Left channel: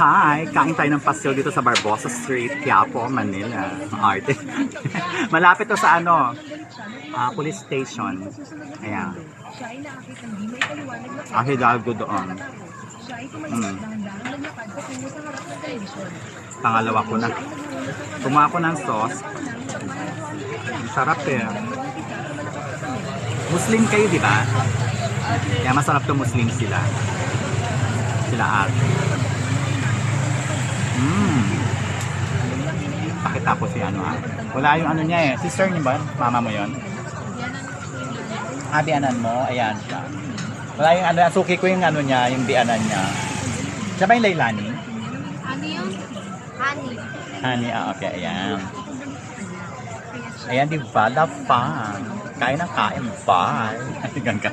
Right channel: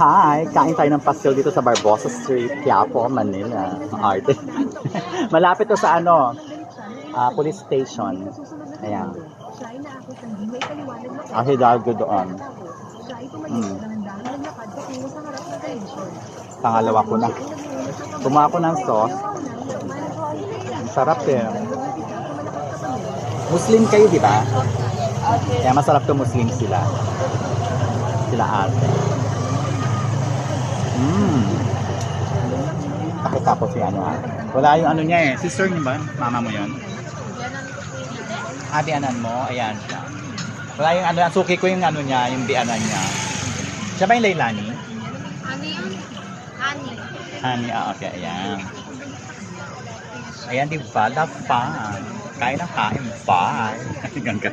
Hi! Kain tayo ng pastel dito sa Barbosa Street, Quiapo, Manila. Arte. Malapit to sa police station. Ayan. Ang Hidalgo doon. Pangalawa ko na. Kumuha ko ng sauce. Ang sarap eh. Muslim kayo, di ba? Kaya masarap to Muslim sila. Sila ate. Pakitapos si wala yung niya eh. Sister niya ba? Mama mo yon? Bianan mo? Ayan siya. Wala yung suki ko yung niya, yung bianan niya. Siya ba yung Lailani? Ano yun? Honey. Honey, okay, ayan. Ayan, di ba? The fun. Kain ng kain. Bye. Hanggang ka.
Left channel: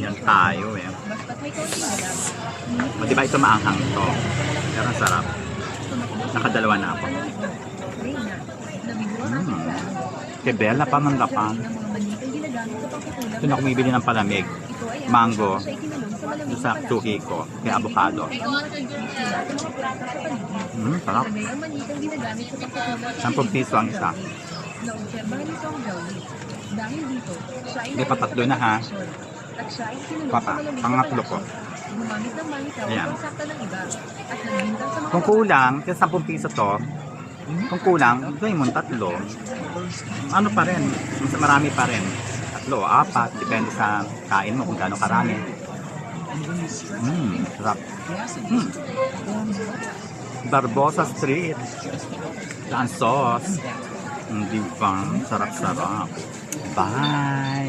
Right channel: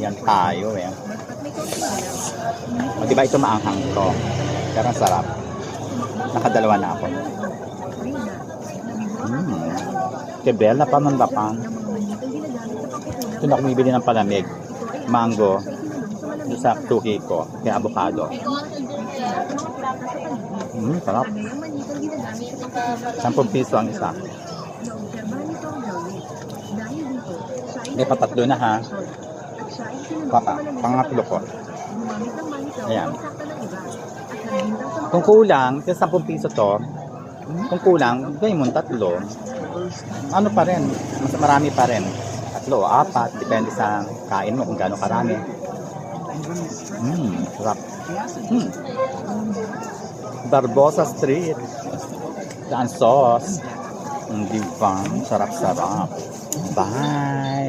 Yan tayo eh. O, di ba ito maanghang to? Pero ang sarap. Nakadalawa na ako. Kebel na pamanlapang. Ito na kumibili ng palamig. Mango. Doon sa tuki ko. Kaya avocado. Sarap. 10 piso ang isa. May patatlo na ha. Pangatlo ko. Ayan. Kung kulang, kasi 10 piso to, kung kulang, gawin mo tatlo. Ano pa rin? Marami pa rin. 3 o 4, depende sa kain mo kung gaano karami. Sarap. Barbosa Street. Ang sauce. Di ba? Sarap-sarap. Bye!